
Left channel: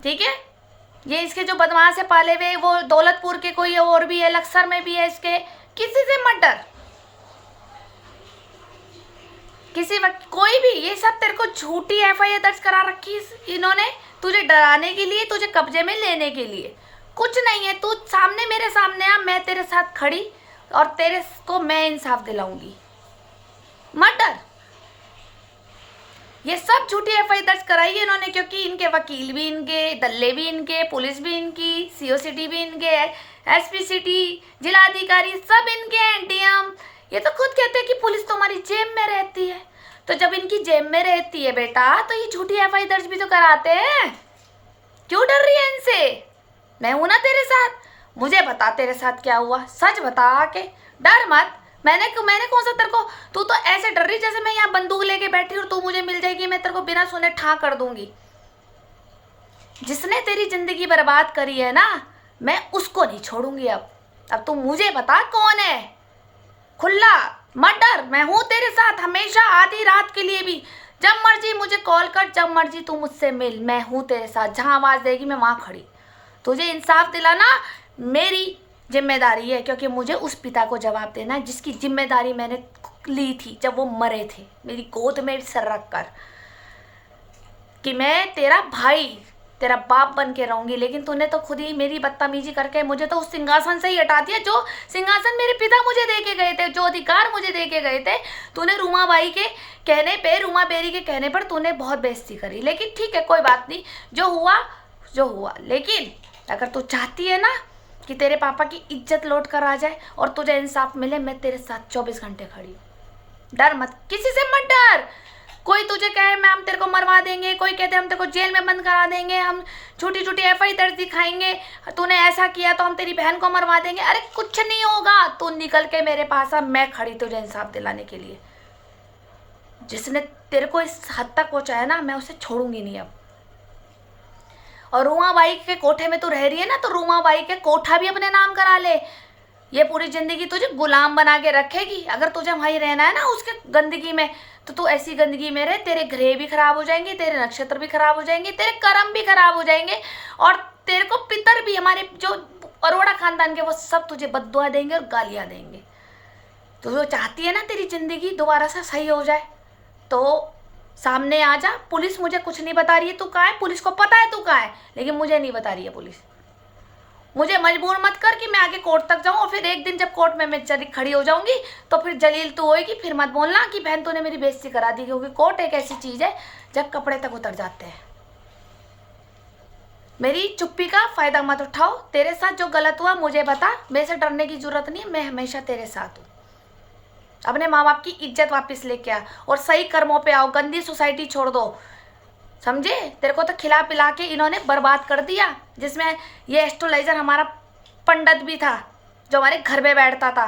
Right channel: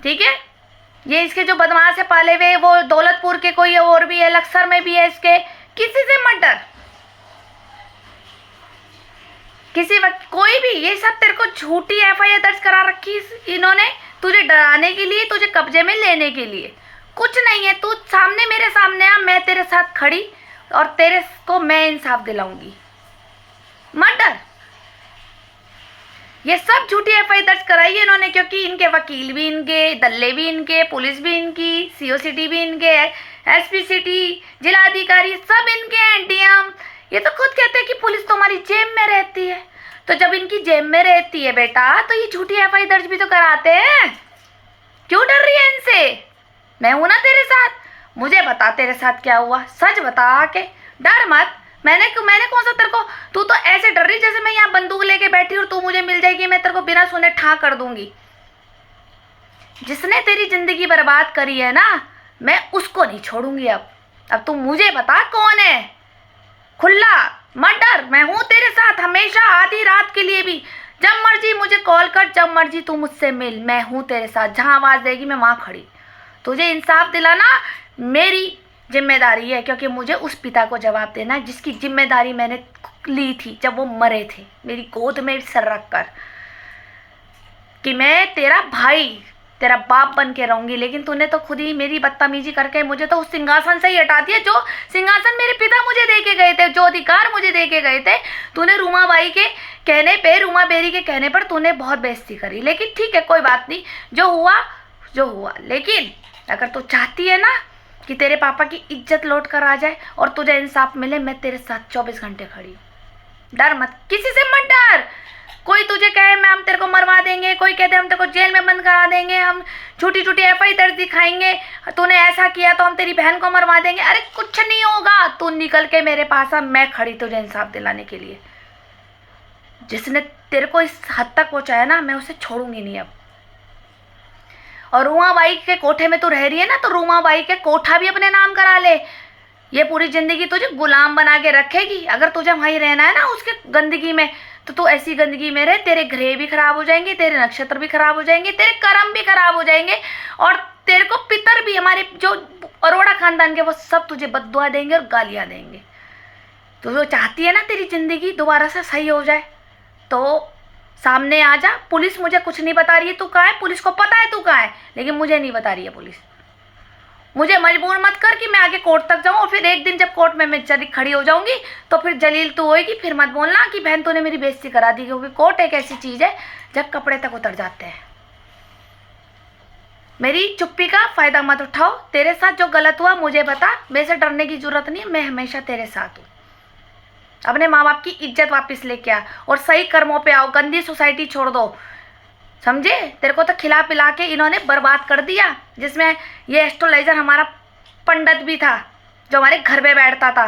ठीक है, ये इसके जो बदमाश है पाले हुए, वो दौलतपुर के कोई और भी है, लक्सर में भी है इसके। किसी से मत डर, किसी वक्त कोई भी। ये सब तेरे को झूठी एफआईआर दर्ज करा रखी इन्होंने, तुझे डराने के लिए, तुझे कब्जे में लेने के लिए। कुछ नहीं है, तू सामने, मेरे सामने आ, मैं तेरे साथ खड़ी और तेरे को मैं इंसाफ दिलाऊंगी, मत डर। ये सब झूठी एफआईआर दर्ज कराई है इन्होंने, क्योंकि इनके वकील भी इनके, दल्ले भी इनके, पुलिस भी इनकी, सीओसीटी भी इनके, एसपी सिटी, जिलाधिकारी सब इनके हैं, डीएम। ये तो खुद कहते हैं कि पुलिस तो हमारी जेब में रहती है। तो जब इनकी जेब में रहती है बेटा, तो ये झूठी एफआईआर दर्ज भी तो कराते हैं। क्यों डर रही है इनसे? मैं हूं ना तेरे साथ, मुझे बता तेरे साथ क्या हुआ, सच बता के, डर मत। मैंने कौन सा तेरे को, तू तो ऐसे डर रही जैसे मैं यहाँ बंदूक लेके बैठी और तू मुझे मिल जाएगी, मैं तेरे को बिना सुने ठा कर दूंगी। जिसने तेरी जिंदगी बर्बाद करी है ना, मैं उसको नहीं छोड़ूंगी। अब तू मुझे बता कौन है, खुला मत डर, मैं हूं तेरे साथ हमेशा, आधी रात के लिए भी, जब मर्जी मुझे कॉल कर, जब मर्जी तू मुझसे मिल, मैं हूं तेरे साथ। जहां आवाज देगी मैं वहां खड़ी। तुझे इंसाफ दिलाना मेरी जिम्मेदारी है, क्योंकि मुझे उस पिता को जवाब देना है जिसकी जिम्मेदारी मैंने ली थी जब वो मरे थे, मेरी गोद में सर रख कर, कि मैं तेरा भाई तेरा बाप बन के रहूंगी। लेकिन तूने तो खुद ही मेरी बदतमीजी करके मुझे तो उस सिंहासन से ही हटा दिया, जो सिंहासन मेरे पिता मुझे दे के गए थे, जो अधिकार मुझे दे के गए थे। तूने रूमाबाई के कहने पे, रूमा बेरी के कहने पर तूने बहुत बेइज्जती करी। लेकिन ठीक है, कोई बात नहीं, जो हुआ। लेकिन अगर तू चाहती है ना कि तेरे पापा की इज्जत लौट कर आ जाए और तुझे इंसाफ मिले, मैं तेरे साथ 24 घंटे खड़ी हूँ। डर मत, किसी से मत डर। कोई तुझे कहे मैं हम तेरे को मरवा देंगे, कोई कहते हम तेरे को जेल में बंद करा देंगे, हम छोटी छोटी एफआई दर्ज दिखाएंगे, तूने ऐसा किया तो हम तेरी बहन को मरवा देंगे। अरे कुछ नहीं होगा, तू निकल के मेरे पास आ, मैं खड़ी तुझे इंसाफ दिलाने के लिए। जिसने तेरे को इस हद तक पहुंचाया ना, मैं उसे छोड़ूंगी नहीं अब। और रूमाबाई के कोठे में तू रह रही है ना, तो रूमाबाई के कोठा भी अपने नाम करा ले। ये पूरी जिंदगी तुझे गुलाम बना के रखेगी। अगर तुझे वहीं रहना है ना उसके गंदगी में, तो तू ऐसी गंदगी में रहे, तेरे ग्रह भी खराब हो जाएंगे, तेरे नक्षत्र भी खराब हो जाएंगे, तेरे कर्म भी खराब हो जाएंगे, और तेरे को पितर भी, हमारे जो अरोड़ा खानदान के, वो सब तुझे बद्दुआ देंगे और गालियाँ देंगे। तो जो चाहती है ना तेरी जिंदगी दोबारा से सही हो जाए, तो सामने आ जा। पुलिस मुझे कुछ नहीं बता रही है तू कहाँ है, पुलिस को पता है तू कहाँ है, लेकिन मुझे नहीं बता रही है पुलिस। मुझे मजबूर मत कर कि मैं आगे कोर्ट तक जाऊँ, और फिर एक दिन जब कोर्ट में मैं खड़ी हो जाऊंगी तो फिर जलील तू होएगी। फिर मत बोलना कि बहन तूने मेरी बेइज्जती करा दी, क्योंकि कोर्ट एक ऐसी चीज़ है जब कपड़े तक उतर जाते हैं। मेरी चुप्पी का फ़ायदा मत उठाओ। तेरे साथ जो गलत हुआ मुझे बता, मेरे से डरने की ज़रूरत नहीं है, मैं हमेशा तेरे साथ हूँ। अपने माँ बाप की इज्जत वापस लेके आ और सही कर्मों पे आओ, गंदी सोसाइटी छोड़ दो, समझे। तेरे को तो खिला पिला के इन्होंने बर्बाद कर दिया, जिसमें ये एस्ट्रोलाइजर हमारा पंडित भी था जो हमारे घर में बैठता था।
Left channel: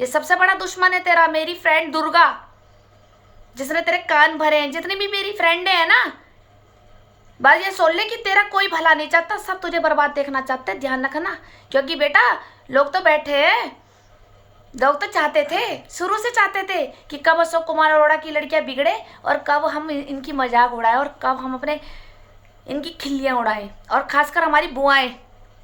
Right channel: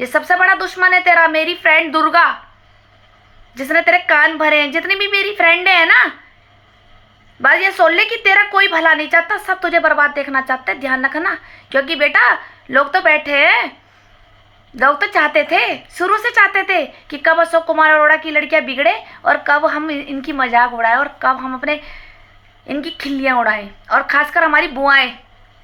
ये सबसे बड़ा दुश्मन है तेरा, मेरी फ्रेंड दुर्गा, जिसने तेरे कान भरे हैं। जितनी भी मेरी फ्रेंड है ना, बस ये सोच ले कि तेरा कोई भला नहीं चाहता, सब तुझे बर्बाद देखना चाहते हैं। ध्यान रखना, क्योंकि बेटा लोग तो बैठे हैं, लोग तो चाहते थे, शुरू से चाहते थे कि कब अशोक कुमार अरोड़ा की लड़कियां बिगड़े और कब हम इनकी मजाक उड़ाएं और कब हम अपने इनकी खिल्लियाँ उड़ाएं। और खासकर हमारी बुआएं,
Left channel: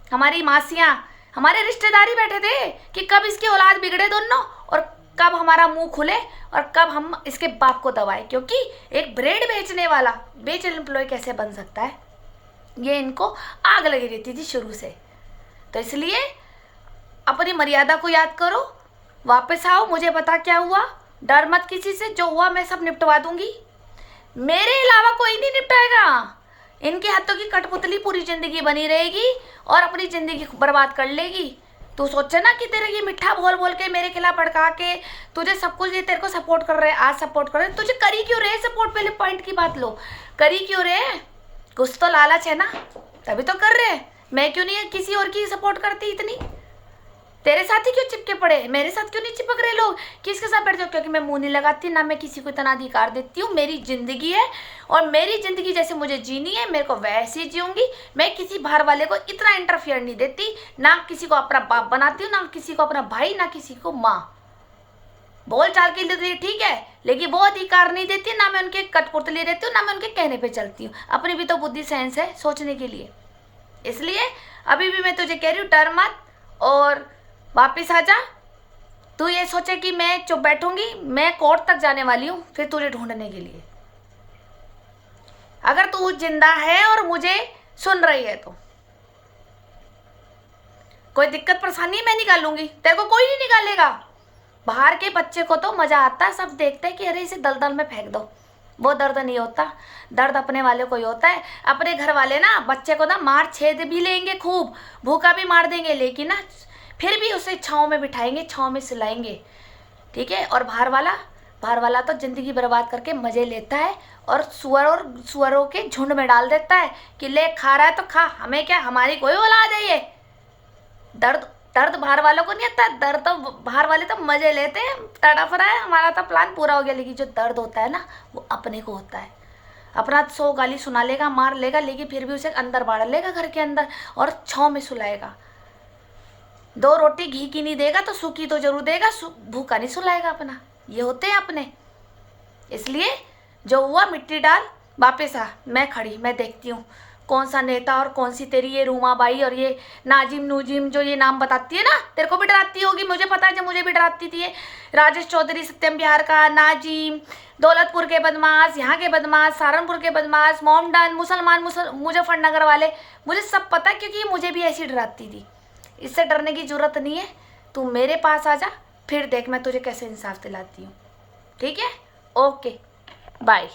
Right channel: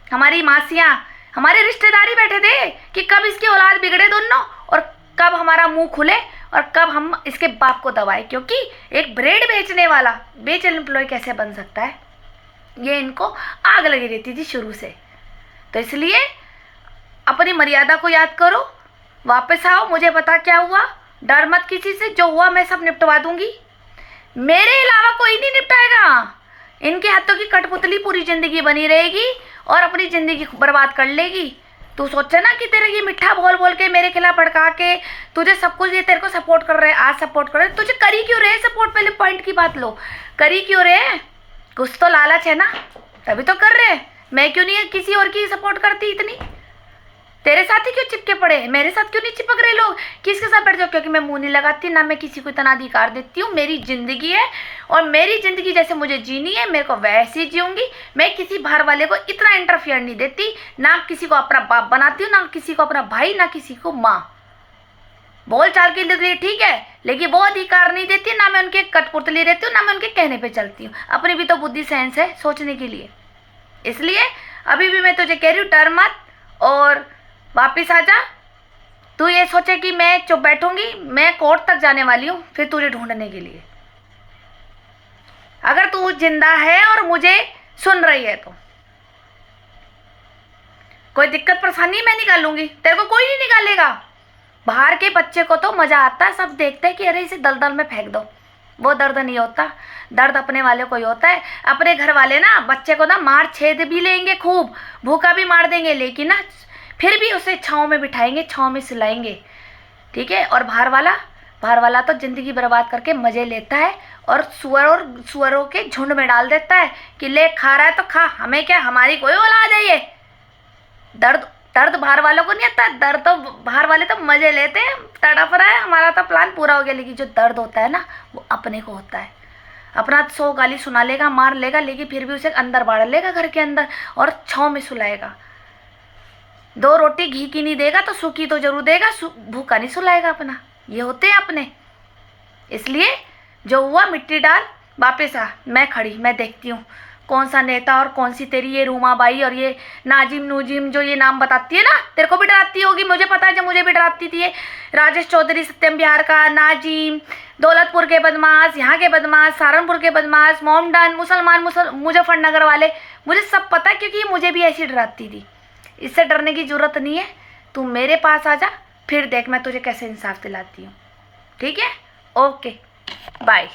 हमारी मासियाँ, हमारे रिश्तेदारी बैठे थे कि कब इसकी औलाद बिगड़े दोनों और कब हमारा मुंह खुले और कब हम इसके बाप को दबाएं। क्योंकि एक ब्रेड बेचने वाला बेचल एम्प्लॉय कैसे बन सकता है, ये इनको आग लगी रहती थी शुरू से। तो इसलिए अपनी मर्यादा को याद करो, वापस आओ, मुझे पता क्या हुआ, डर मत किसी से, जो हुआ मैं सब निपटवा दूंगी। मेरे अलावा कोई नहीं निपटाएगा। इनके हाथों की कठपुतली पूरी ज़िंदगी बनी रहेगी और अपनी ज़िंदगी बर्बाद कर लेगी। तू सोचे ना कि तेरे ये मिठ्ठा बोल बोल के मेरे खिलाफ भड़का के तुझे सब कुछ, ये तेरे को सपोर्ट कर रहे हैं, आज सपोर्ट कर रहे हैं, तुझे करी क्यों रहे सपोर्ट। पहले पॉइंट की बात लो, करी क्यों रहे, कुछ तो लालच है ना, तभी तो कर रहे हैं। मैं क्यों नहीं किसी और की सपोर्ट करती इतनी, तेरे साथ ही क्यों चिपके पड़े, मेरे साथ क्यों नहीं चिपक रहे लोग, किसके साथ बैठ जाओ। क्योंकि मैं मुंह नहीं लगाती, ना मैं किसी को इतना अधिकार देती हूँ। मेरी ज़िंदगी है और मेरी ज़िंदगी जैसे मुझे जीनी है, मेरे को वैसे ही जीऊँगी। मैं किसी बाहर वाले को इतना इंटरफियर नहीं देती, ना किसी को अपना बाप बनाती हूँ, ना किसी को अपना भाई, ना किसी को माँ। बोल चाल के लिए ठीक है, लेकिन वो अधिकार नहीं देती, ना मैं उनके कठपुतली रहती हूँ, ना मैं उनके कहने पर चलती हूँ। अपनी भी तो बुद्धि सेंस है सोचने के लिए। इसलिए अभी भी मैं तुझे कह रही हूँ, डर मत और वापिस आ जा। तू ये सोचे कि मैं चुप बैठूंगी, मैं कोर्ट तक जाने वाली हूँ फिर तुझे ढूंढने के लिए। अगर तू जिंदा है और मुझे सुन रही है तो कोई दिक्कत परेशानी मैं निकाल लूंगी, तेरे को कोई नहीं निकालेगा। बाहर के बच्चे को तो मजा आता है, सब देखते हैं कि अरे इसे दलदल में फेंक दो, वो दर्द नहीं होता। दर्द अपने वाले को ही होता है। अपने घर वाले ना बच्चे को ना मार छेद भी लेंगे, खूब भूखा भी मार देंगे, लेकिन ना फिर भी उसे छाँव में बिठाएंगे, छाँव में सुलाएंगे, ठीक है। और बाहर वाला तो ज़िंदगी बर्बाद करके मज़े लेता है और सुअरों के झुंड में डाल देता है कि ले खा रहा है तो खा, हमें क्या, हमारी कोई औलाद है ये। दर्द बाहर वालों को नहीं आता, दर्द तो बाहर वाले तो मज़े लेते हैं, तड़प रहा है, हमारा तो प्लान पूरा हो गया। लेकिन जो दर्द होता है ना वो अपने को होता है। अपना 100 गाली सुना लेगा, मार लेगा, लेकिन फिर भी उसे अंदर बाढ़ लेगा घर के अंदर और छाँव में सुलाएगा। 2 रोटी घी की नहीं देगा तो सूखी तो जरूर देगा, भूखा नहीं सुलाएगा अपना। ये होते हैं अपने। इसलिए जो हुआ मिट्टी डाल, वापस आ, मैं खड़ी, मैं देखती हूँ कौन सा नेता और कौन सी तेरी ये रूमाबाई और ये नाजिम नूजिम जो ये नाम बताती है ना, तेरे को भी डराती होगी, मुझे पता है, जब मुझे भी डराती थी ये राजेश चौधरी, सत्यम बिहार का, नाजिम, दौलतपुर के बदमाश, यहाँ के बदमाश, सहारनपुर के बदमाश, मोमडन, मुजफ्फरनगर वाले, मुझे सब पता है क्योंकि मुझे भी ऐसी डराती थी। इससे डरने की ज़रूरत नहीं है, तू मेरे पास आ जा, फिर देख मैं तुझे कैसे इंसाफ दिलाती हूँ। ठीक है, ओके बाय।